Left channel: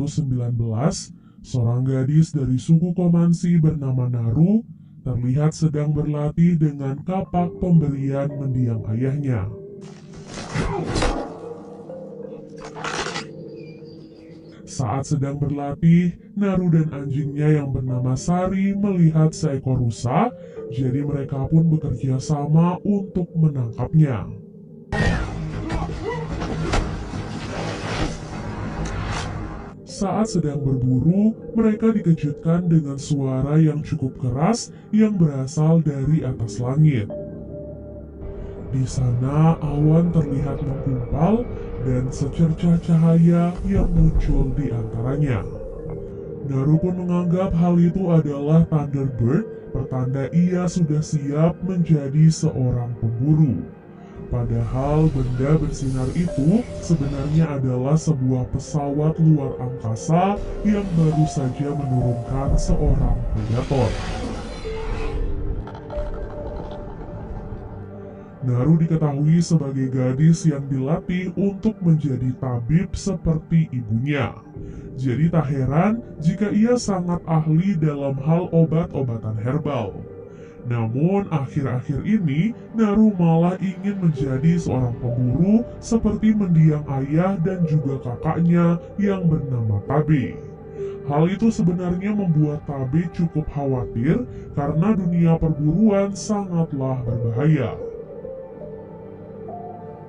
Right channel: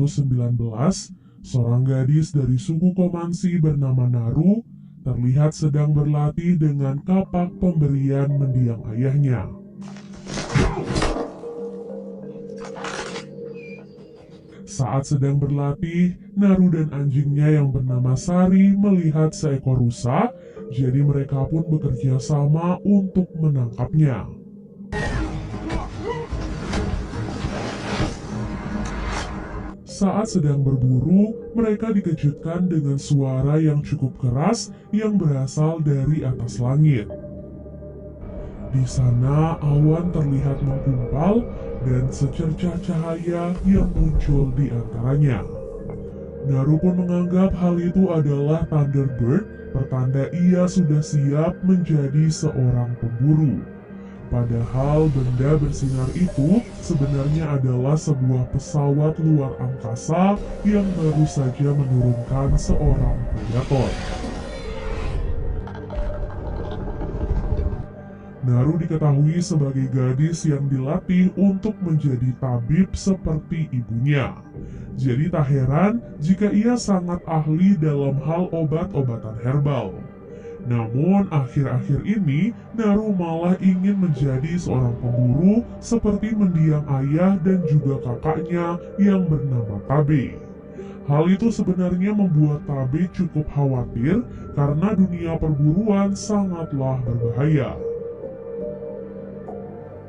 ke-119, seorang gadis dari suku Komansi bernama Naru terlihat sedang berlatih dengan kapak pemberian mendiang ayahnya. Saat sedang berlatih, Naru dan anjingnya yang bernama Sari melihat seekor rusa, jadi mereka pun bekerja sama untuk menangkapnya. Saat sedang berburu, mereka dikejutkan dengan suara yang cukup keras yang berasal dari atas langit. Di sana awan terlihat menggumpal dan secercah cahaya yang muncul di antaranya. Naru pun menganggap hal itu adalah Thunderbird, pertanda ia sudah siap menjadi seorang pemburu. Padahal benda bersinar itu sebenarnya adalah sebuah pesawat luar angkasa yang baru saja menurunkan seorang predator. Naru diketahui sebagai gadis yang dilatih untuk menjadi tabib seperti ibunya. Jadi tak heran jika ia sangat ahli dalam hal obat-obatan herbal. Namun akhir-akhir ini Naru malah ingin menjadi seorang pemburu seperti mendiang ayah dan juga kakaknya yang bernama Tabe. Hal itu sebenarnya membuat Tabe cukup khawatir karena dunia perburuan sangatlah berbahaya.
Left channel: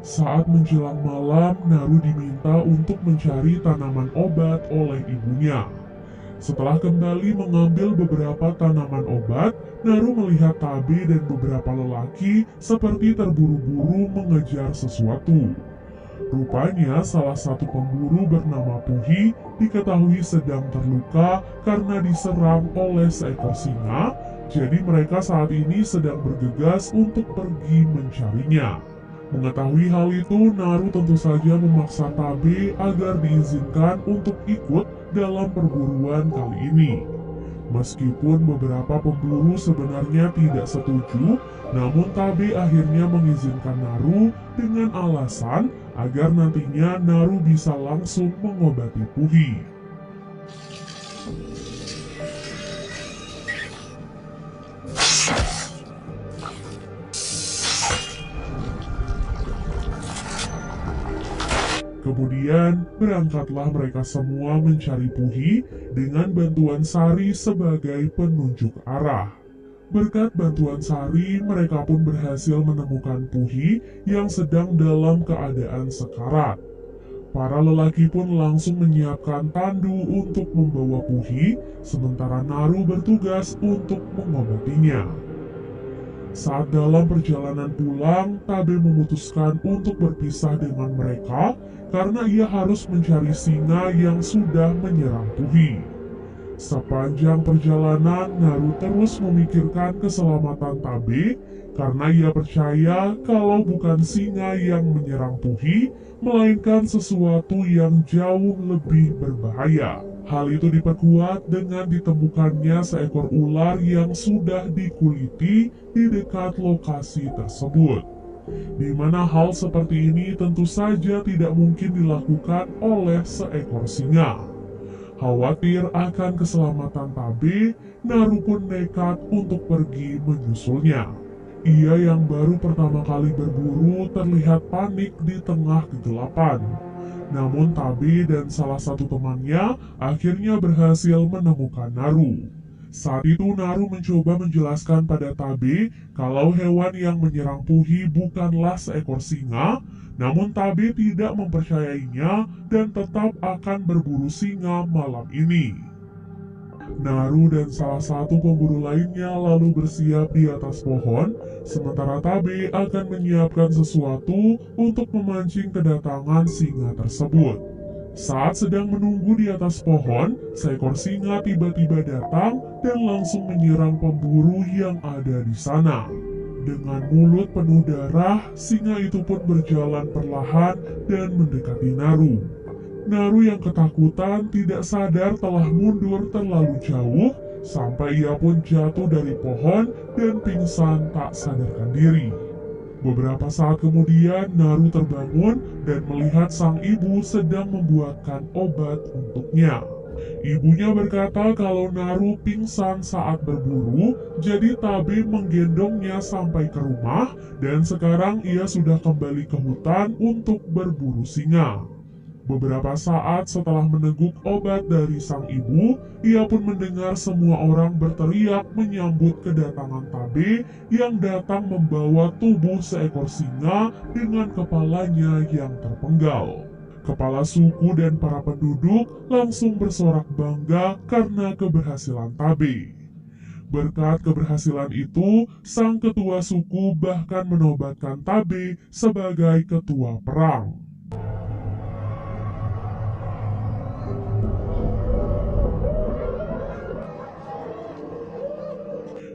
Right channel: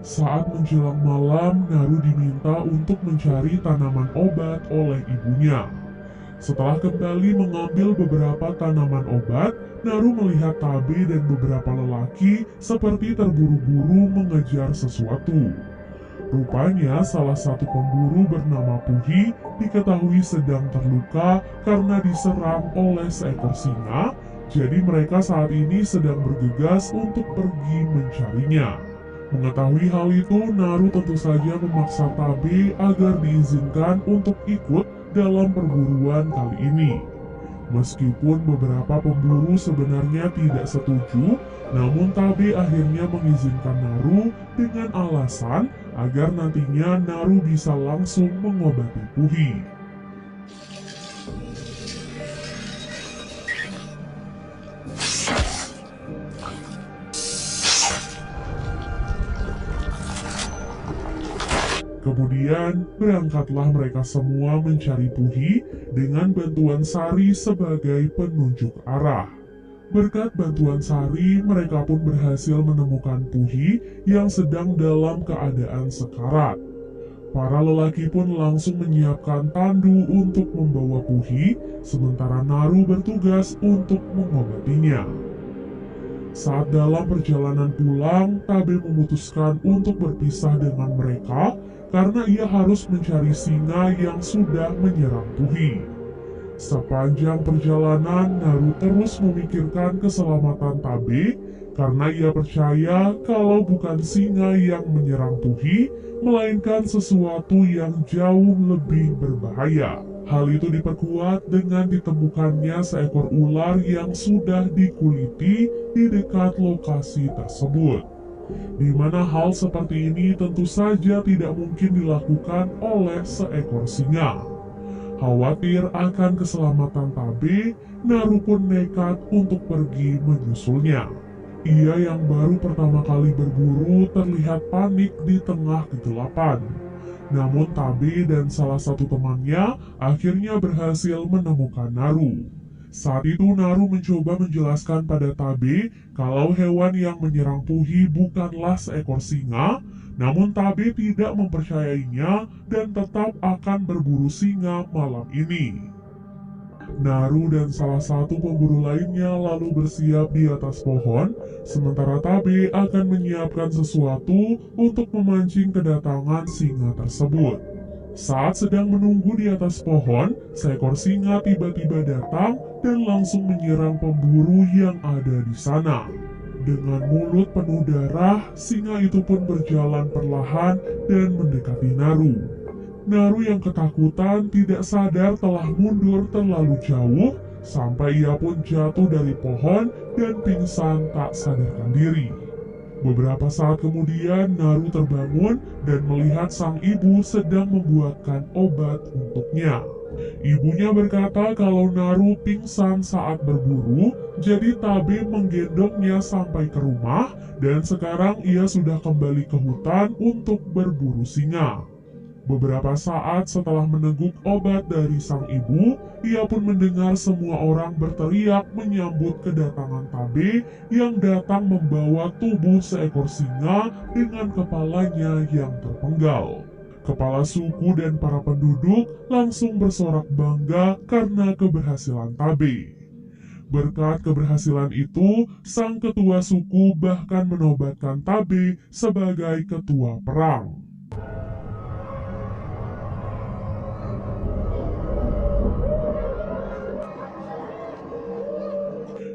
Saat menjelang malam, Naru diminta untuk mencari tanaman obat oleh ibunya. Setelah kembali mengambil beberapa tanaman obat, Naru melihat Tabe dan beberapa lelaki seperti terburu-buru mengejar sesuatu. Rupanya salah satu pemburu bernama Puhi diketahui sedang terluka karena diserang oleh seekor singa, jadi mereka saat ini sedang bergegas untuk pergi mencarinya. Mengetahui hal itu, Naru tentu saja memaksa Tabe agar diizinkan untuk ikut dalam perburuan kali ini. Meskipun beberapa pemburu sebenarnya tidak setuju, namun Tabe akhirnya mengizinkan Naru dengan alasan agar nantinya Naru bisa langsung mengobati Puhi. Kemudian berangkatlah mereka semua mencari Puhi dengan bantuan Sari sebagai penunjuk arah. Berkat bantuan Sari, mereka pun berhasil menemukan Puhi yang sedang dalam keadaan sekarat. Para lelaki pun langsung menyiapkan tandu untuk membawa Puhi, sementara Naru bertugas untuk mengobatinya. Saat dalam perjalanan pulang, Tabe memutuskan untuk berpisah dengan mereka karena ia harus mencari singa yang sudah menyerang Puhi. Sepanjang perjalanan, Naru terus memikirkan keselamatan Tabe karena ia percaya kalau bukan singa yang menyerang Puhi, melainkan sesuatu yang jauh lebih berbahaya. Hal itu diperkuat dengan ditemukannya seekor ular yang sudah dikuliti di dekat lokasi tersebut, di mana hal seperti ini tentu saja tidak mungkin dilakukan oleh seekor singa. Khawatir akan keselamatan Tabe, Naru pun nekat untuk pergi menyusulnya. Ia yang baru pertama kali berburu terlihat panik di tengah kegelapan. Namun Tabe dan salah satu temannya akhirnya berhasil menemukan Naru. Saat itu Naru mencoba menjelaskan pada Tabe kalau hewan yang menyerang Puhi bukanlah seekor singa, namun Tabe tidak mempercayainya dan tetap akan berburu singa malam ini. Naru dan salah satu pemburu lainnya lalu bersiap di atas pohon, sementara Tabe akan menyiapkan sesuatu untuk memancing kedatangan singa tersebut. Saat sedang menunggu di atas pohon, seekor singa tiba-tiba datang dan langsung menyerang pemburu yang ada di sana. Dengan mulut penuh darah, singa itu pun berjalan perlahan dan mendekati Naru. Naru yang ketakutan tidak sadar telah mundur terlalu jauh sampai ia pun jatuh dari pohon dan pingsan tak sadarkan diri. Beberapa saat kemudian, Naru terbangun dan melihat sang ibu sedang membuatkan obat untuknya. Ibunya berkata kalau Naru pingsan saat berburu, jadi Tabe menggendongnya sampai ke rumah dan sekarang ia sudah kembali ke hutan untuk berburu singa. Beberapa saat setelah meneguk obat dari sang ibu, ia pun mendengar semua orang berteriak menyambut kedatangan Tabe yang datang membawa tubuh seekor singa dengan kepalanya yang terpenggal. Kepala suku dan para penduduk langsung bersorak bangga karena keberhasilan Tabe. Berkat keberhasilan itu, sang ketua suku bahkan menobatkan Tabe sebagai ketua perang.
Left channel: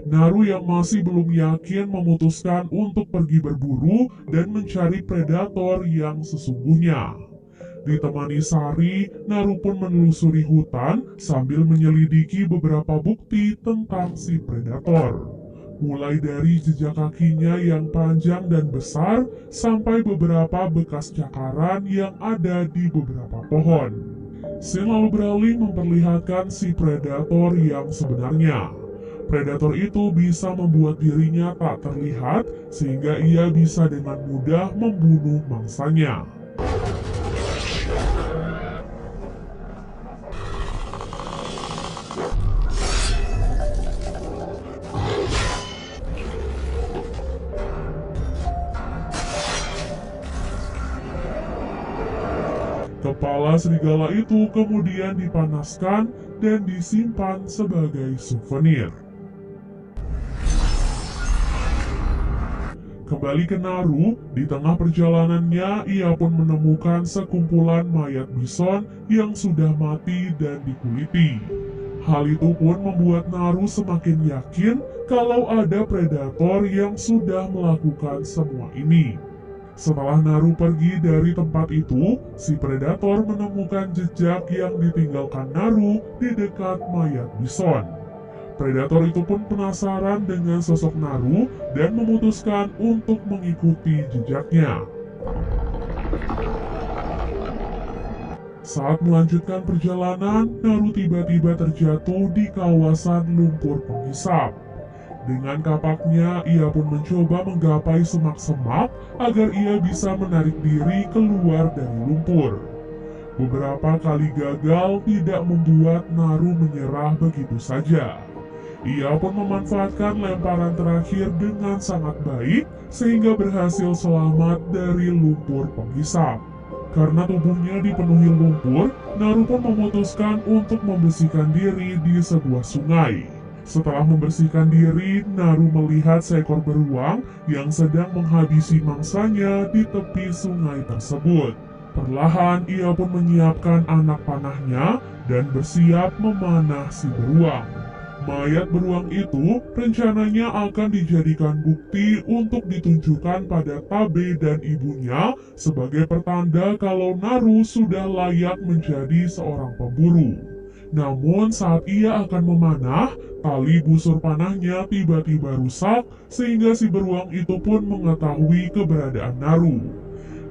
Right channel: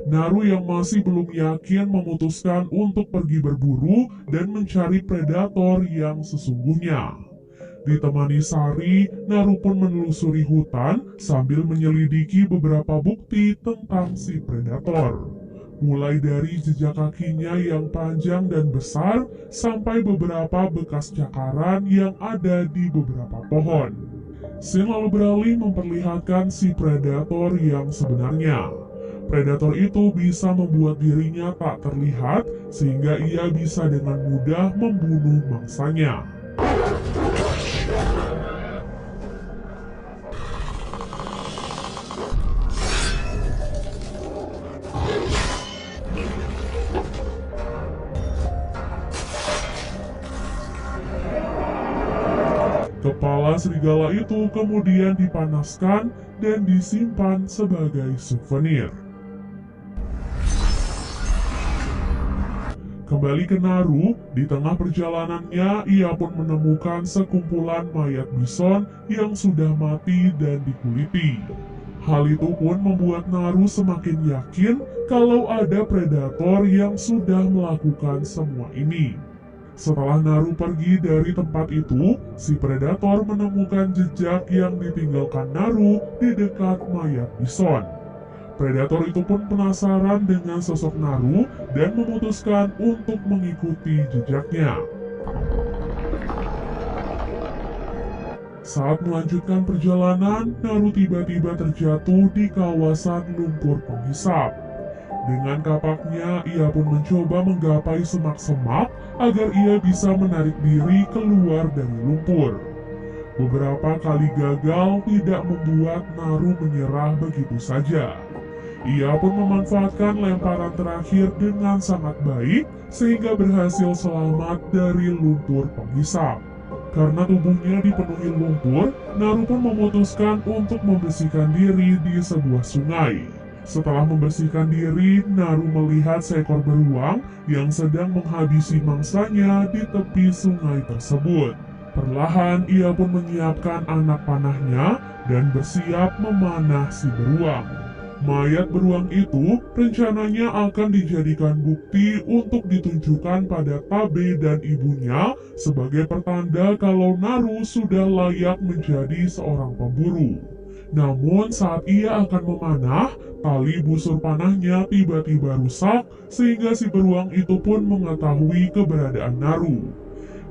Naru yang masih belum yakin memutuskan untuk pergi berburu dan mencari predator yang sesungguhnya. Ditemani Sari, Naru pun menelusuri hutan sambil menyelidiki beberapa bukti tentang si predator. Mulai dari jejak kakinya yang panjang dan besar, sampai beberapa bekas cakaran yang ada di beberapa pohon. Scene lalu beralih memperlihatkan si predator yang sebenarnya. Predator itu bisa membuat dirinya tak terlihat sehingga ia bisa dengan mudah membunuh mangsanya. Kepala serigala itu kemudian dipanaskan dan disimpan sebagai souvenir. Kembali ke Naru, di tengah perjalanannya ia pun menemukan sekumpulan mayat bison yang sudah mati dan dikuliti. Hal itu pun membuat Naru semakin yakin kalau ada predator yang sudah melakukan semua ini. Setelah Naru pergi dari tempat itu, si predator menemukan jejak yang ditinggalkan Naru di dekat mayat bison. Predator itu pun penasaran dengan sosok Naru dan memutuskan untuk mengikuti jejaknya. Saat melanjutkan perjalanan, Naru tiba-tiba terjatuh di kawasan lumpur penghisap. Dengan kapaknya, ia pun mencoba menggapai semak-semak agar ia bisa menarik diri keluar dari lumpur. Beberapa kali gagal tidak membuat Naru menyerah begitu saja. Ia pun memanfaatkan lemparan terakhir dengan sangat baik sehingga berhasil selamat dari lumpur penghisap. Karena tubuhnya dipenuhi lumpur, Naru pun memutuskan untuk membersihkan diri di sebuah sungai. Setelah membersihkan diri, Naru melihat seekor beruang yang sedang menghabisi mangsanya di tepi sungai tersebut. Perlahan ia pun menyiapkan anak panahnya dan bersiap memanah si beruang. Mayat beruang itu rencananya akan dijadikan bukti untuk ditunjukkan pada Tabe dan ibunya sebagai pertanda kalau Naru sudah layak menjadi seorang pemburu. Namun saat ia akan memanah, tali busur panahnya tiba-tiba rusak sehingga si beruang itu pun mengetahui keberadaan Naru.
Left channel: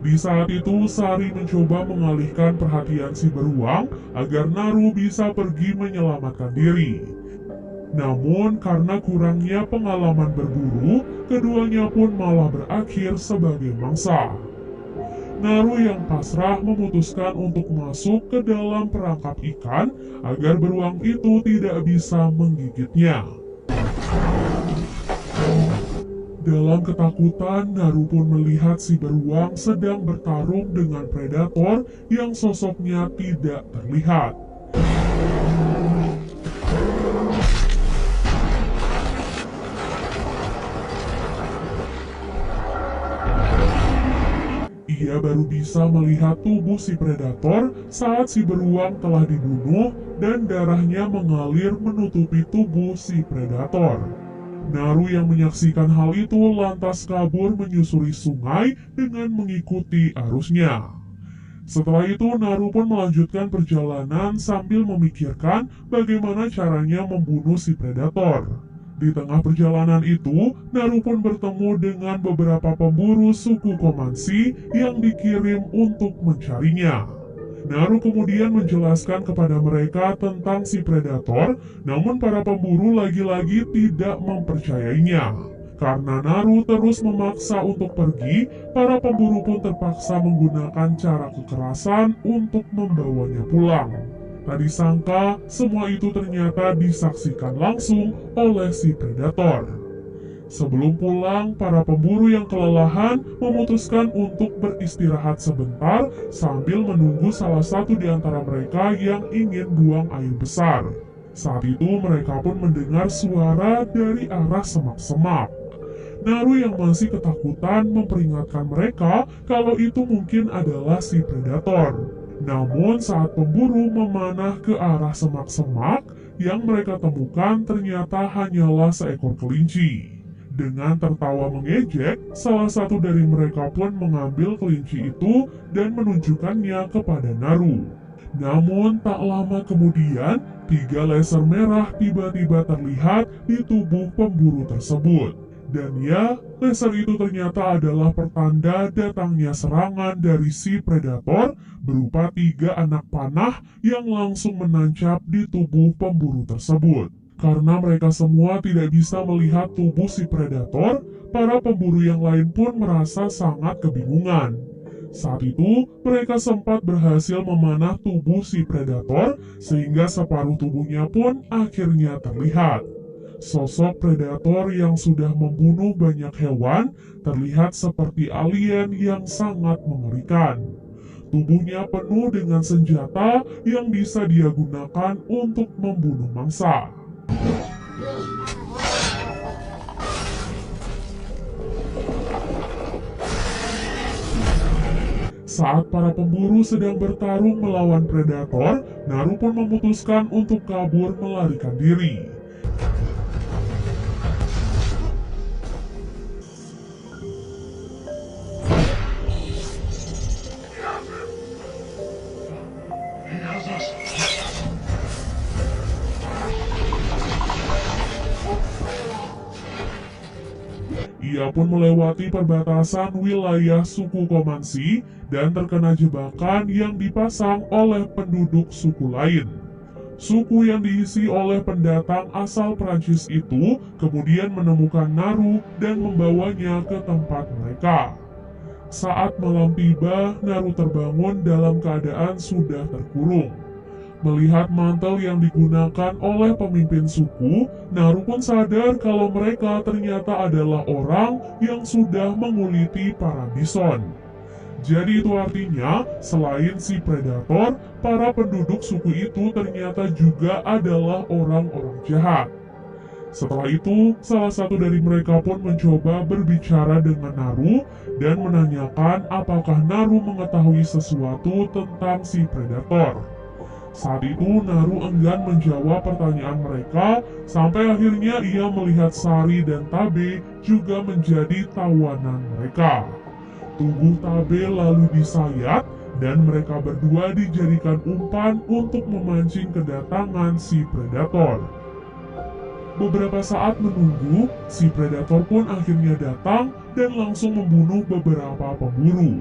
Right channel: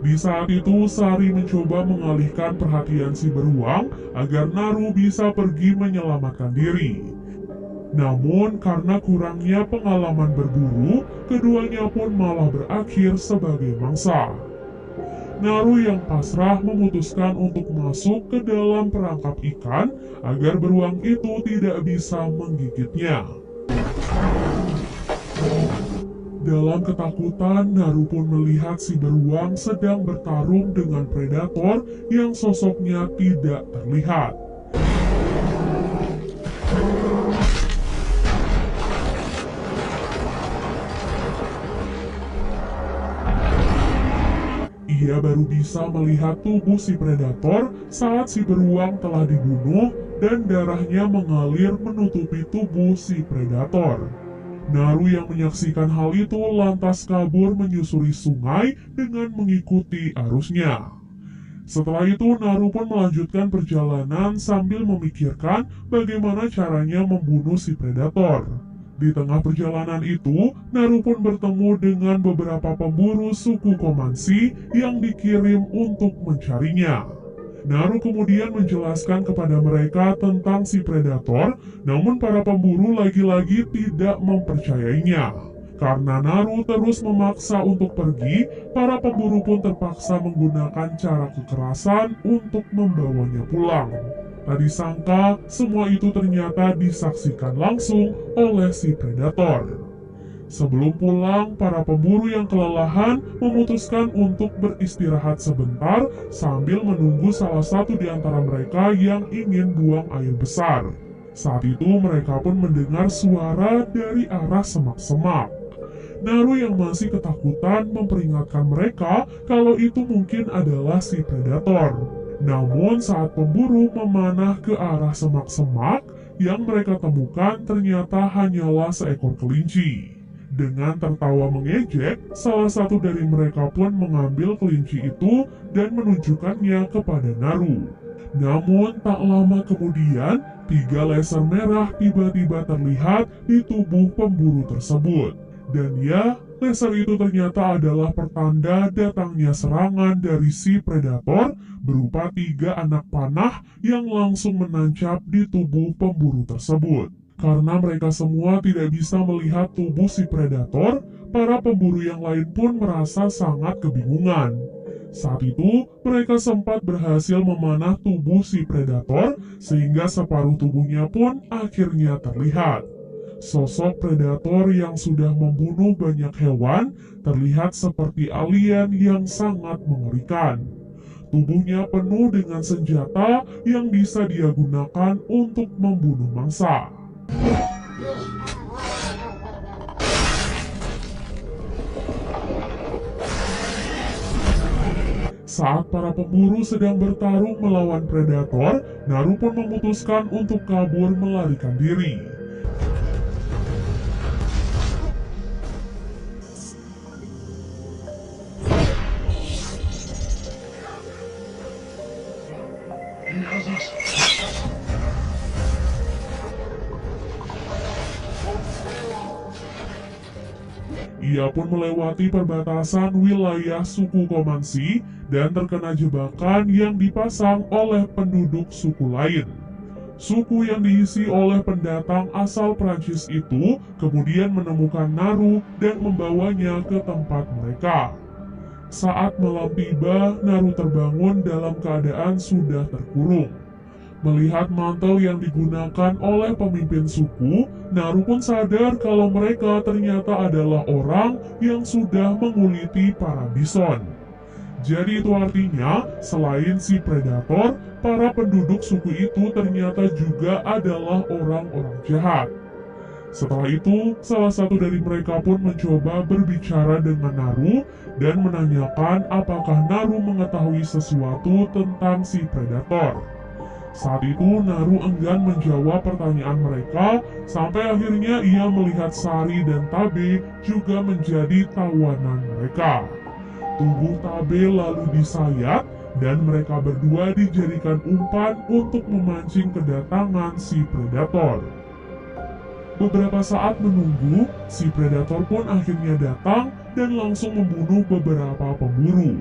Di saat itu Sari mencoba mengalihkan perhatian si beruang agar Naru bisa pergi menyelamatkan diri. Namun karena kurangnya pengalaman berburu, keduanya pun malah berakhir sebagai mangsa. Naru yang pasrah memutuskan untuk masuk ke dalam perangkap ikan agar beruang itu tidak bisa menggigitnya. Dalam ketakutan, Naru pun melihat si beruang sedang bertarung dengan predator yang sosoknya tidak terlihat. Ia baru bisa melihat tubuh si predator saat si beruang telah dibunuh dan darahnya mengalir menutupi tubuh si predator. Naru yang menyaksikan hal itu lantas kabur menyusuri sungai dengan mengikuti arusnya. Setelah itu Naru pun melanjutkan perjalanan sambil memikirkan bagaimana caranya membunuh si predator. Di tengah perjalanan itu, Naru pun bertemu dengan beberapa pemburu suku Komansi yang dikirim untuk mencarinya. Naru kemudian menjelaskan kepada mereka tentang si predator, namun para pemburu lagi-lagi tidak mempercayainya. Karena Naru terus memaksa untuk pergi, para pemburu pun terpaksa menggunakan cara kekerasan untuk membawanya pulang. Tak disangka, semua itu ternyata disaksikan langsung oleh si predator. Sebelum pulang, para pemburu yang kelelahan memutuskan untuk beristirahat sebentar sambil menunggu salah satu di antara mereka yang ingin buang air besar. Saat itu mereka pun mendengar suara dari arah semak-semak. Naru yang masih ketakutan memperingatkan mereka kalau itu mungkin adalah si predator. Namun saat pemburu memanah ke arah semak-semak, yang mereka temukan ternyata hanyalah seekor kelinci. Dengan tertawa mengejek, salah satu dari mereka pun mengambil kelinci itu dan menunjukkannya kepada Naru. Namun tak lama kemudian, 3 laser merah tiba-tiba terlihat di tubuh pemburu tersebut. Dan ya, laser itu ternyata adalah pertanda datangnya serangan dari si predator berupa 3 anak panah yang langsung menancap di tubuh pemburu tersebut. Karena mereka semua tidak bisa melihat tubuh si predator, para pemburu yang lain pun merasa sangat kebingungan. Saat itu, mereka sempat berhasil memanah tubuh si predator sehingga separuh tubuhnya pun akhirnya terlihat. Sosok predator yang sudah membunuh banyak hewan terlihat seperti alien yang sangat mengerikan. Tubuhnya penuh dengan senjata yang bisa dia gunakan untuk membunuh mangsa. Saat para pemburu sedang bertarung melawan predator, Naru pun memutuskan untuk kabur melarikan diri. Ia pun melewati perbatasan wilayah suku Komansi dan terkena jebakan yang dipasang oleh penduduk suku lain. Suku yang diisi oleh pendatang asal Prancis itu kemudian menemukan Naru dan membawanya ke tempat mereka. Saat malam tiba, Naru terbangun dalam keadaan sudah terkurung. Melihat mantel yang digunakan oleh pemimpin suku, Naru pun sadar kalau mereka ternyata adalah orang yang sudah menguliti para bison. Jadi itu artinya, selain si predator, para penduduk suku itu ternyata juga adalah orang-orang jahat. Setelah itu, salah satu dari mereka pun mencoba berbicara dengan Naru dan menanyakan apakah Naru mengetahui sesuatu tentang si predator. Saat itu Naru enggan menjawab pertanyaan mereka sampai akhirnya ia melihat Sari dan Tabe juga menjadi tawanan mereka. Tubuh Tabe lalu disayat dan mereka berdua dijadikan umpan untuk memancing kedatangan si predator. Beberapa saat menunggu, si predator pun akhirnya datang dan langsung membunuh beberapa pemburu.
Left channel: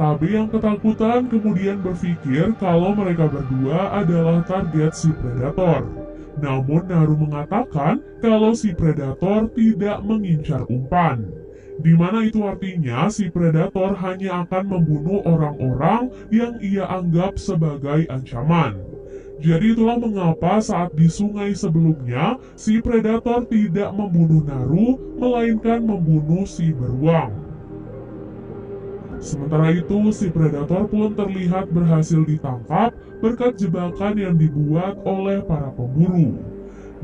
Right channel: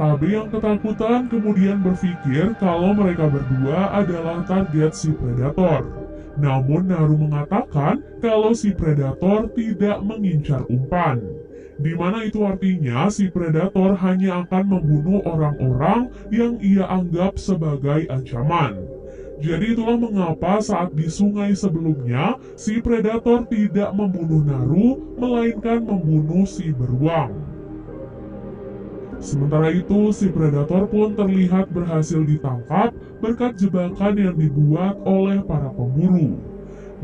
Tabe yang ketakutan kemudian berpikir kalau mereka berdua adalah target si predator. Namun Naru mengatakan kalau si predator tidak mengincar umpan. Di mana itu artinya si predator hanya akan membunuh orang-orang yang ia anggap sebagai ancaman. Jadi itulah mengapa saat di sungai sebelumnya si predator tidak membunuh Naru melainkan membunuh si beruang. Sementara itu, si predator pun terlihat berhasil ditangkap berkat jebakan yang dibuat oleh para pemburu.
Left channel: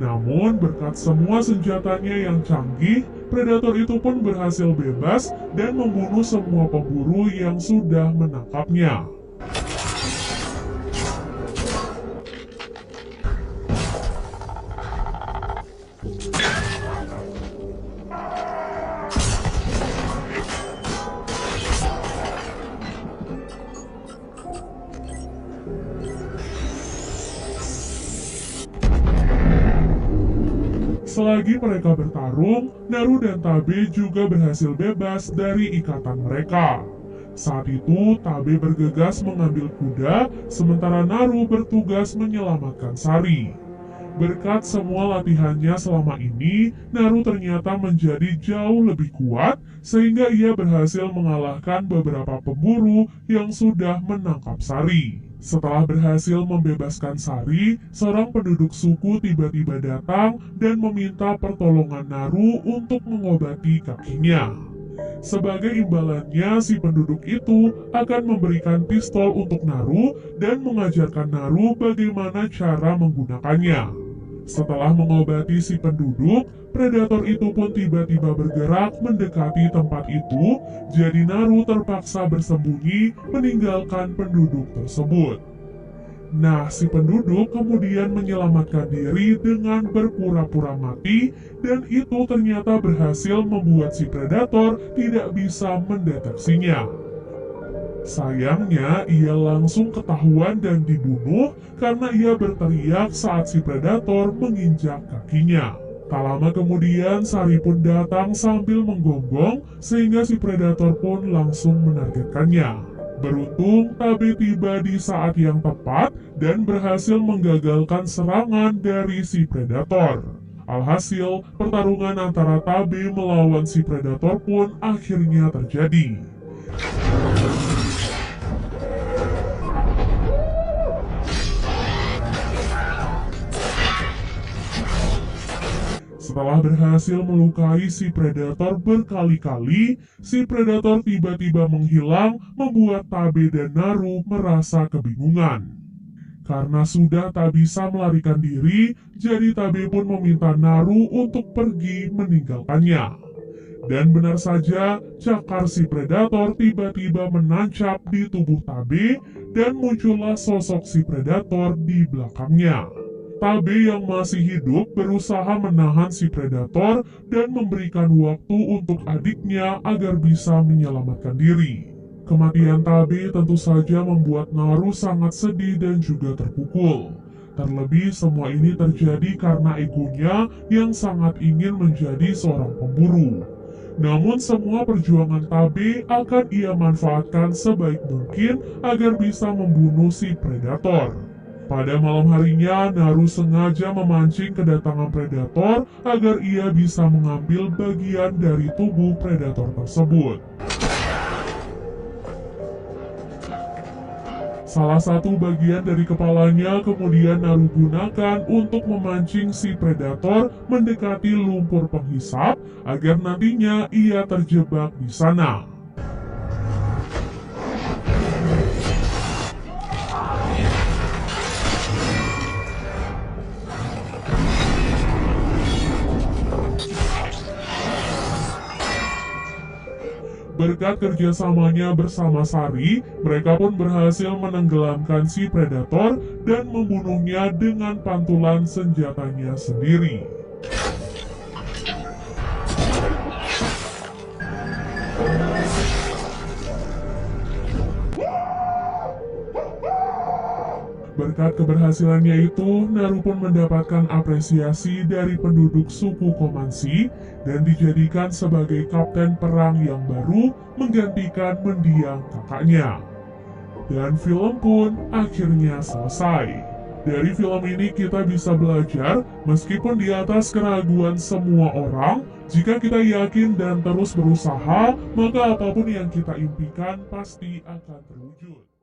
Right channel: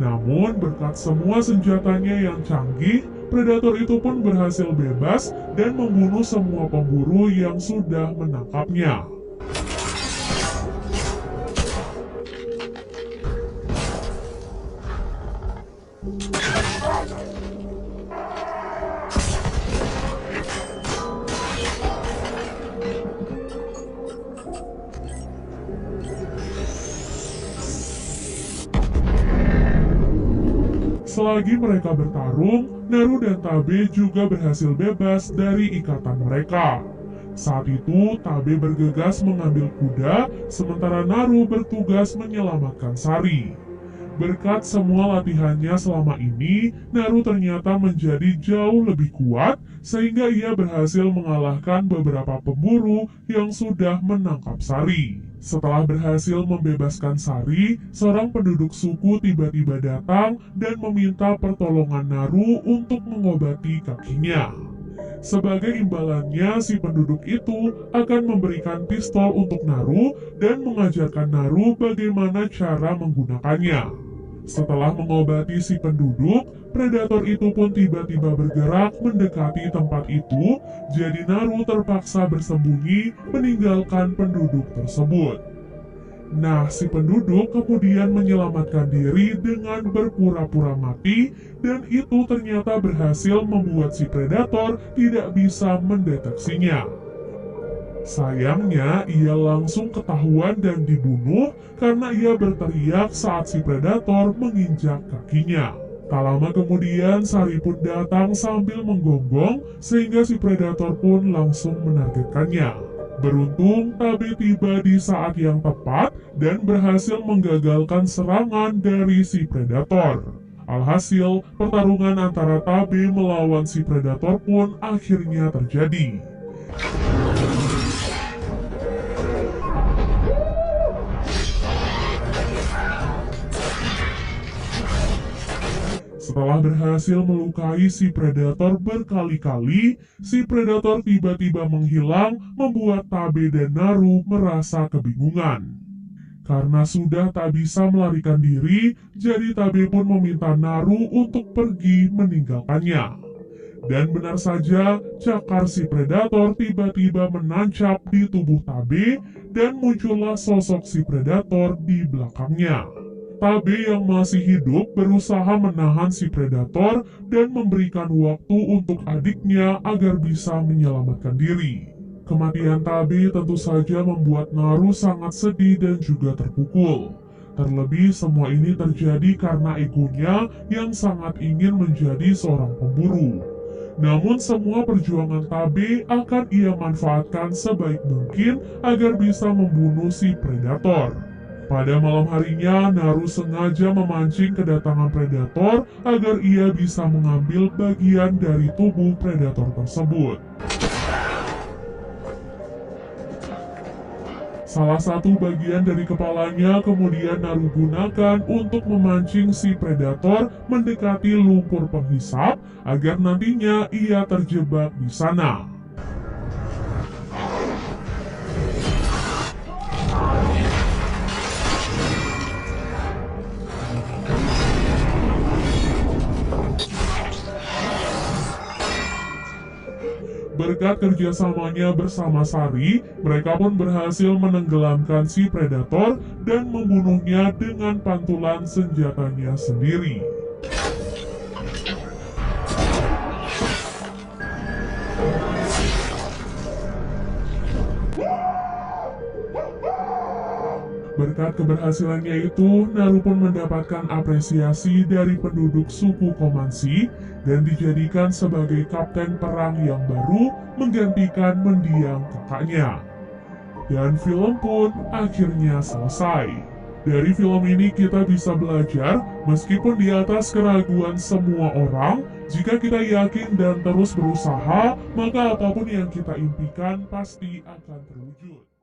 Namun, berkat semua senjatanya yang canggih, predator itu pun berhasil bebas dan membunuh semua pemburu yang sudah menangkapnya. Selagi mereka bertarung, Naru dan Tabe juga berhasil bebas dari ikatan mereka. Saat itu, Tabe bergegas mengambil kuda, sementara Naru bertugas menyelamatkan Sari. Berkat semua latihannya selama ini, Naru ternyata menjadi jauh lebih kuat, sehingga ia berhasil mengalahkan beberapa pemburu yang sudah menangkap Sari. Setelah berhasil membebaskan Sari, seorang penduduk suku tiba-tiba datang dan meminta pertolongan Naru untuk mengobati kakinya. Sebagai imbalannya, si penduduk itu akan memberikan pistol untuk Naru dan mengajarkan Naru bagaimana cara menggunakannya. Setelah mengobati si penduduk, predator itu pun tiba-tiba bergerak mendekati tempat itu, jadi Naru terpaksa bersembunyi meninggalkan penduduk tersebut. Nah, si penduduk kemudian menyelamatkan diri dengan berpura-pura mati, dan itu ternyata berhasil membuat si predator tidak bisa mendeteksinya. Sayangnya, ia langsung ketahuan dan dibunuh karena ia berteriak saat si predator menginjak kakinya. Tak lama kemudian, Sari pun datang sambil menggonggong, sehingga si predator pun langsung menargetkannya. Beruntung, Tabe tiba di saat yang tepat dan berhasil menggagalkan serangan dari si predator. Alhasil, pertarungan antara Tabe melawan si predator pun akhirnya terjadi. Setelah berhasil melukai si predator berkali-kali, si predator tiba-tiba menghilang, membuat Tabe dan Naru merasa kebingungan. Karena sudah tak bisa melarikan diri, jadi Tabe pun meminta Naru untuk pergi meninggalkannya. Dan benar saja, cakar si predator tiba-tiba menancap di tubuh Tabe dan muncullah sosok si predator di belakangnya. Tabe yang masih hidup berusaha menahan si predator dan memberikan waktu untuk adiknya agar bisa menyelamatkan diri. Kematian Tabe tentu saja membuat Naru sangat sedih dan juga terpukul. Terlebih semua ini terjadi karena egonya yang sangat ingin menjadi seorang pemburu. Namun semua perjuangan Tabe akan ia manfaatkan sebaik mungkin agar bisa membunuh si predator. Pada malam harinya, Naru sengaja memancing kedatangan predator agar ia bisa mengambil bagian dari tubuh predator tersebut. Salah satu bagian dari kepalanya kemudian Naru gunakan untuk memancing si predator mendekati lumpur penghisap agar nantinya ia terjebak di sana. Berkat kerjasamanya bersama Sari, mereka pun berhasil menenggelamkan si predator dan membunuhnya dengan pantulan senjatanya sendiri. Berkat keberhasilannya itu, Naru pun mendapatkan apresiasi dari penduduk suku Komansi dan dijadikan sebagai kapten perang yang baru menggantikan mendiang kakaknya. Dan film pun akhirnya selesai. Dari film ini kita bisa belajar, meskipun di atas keraguan semua orang, jika kita yakin dan terus berusaha, maka apapun yang kita impikan pasti akan terwujud.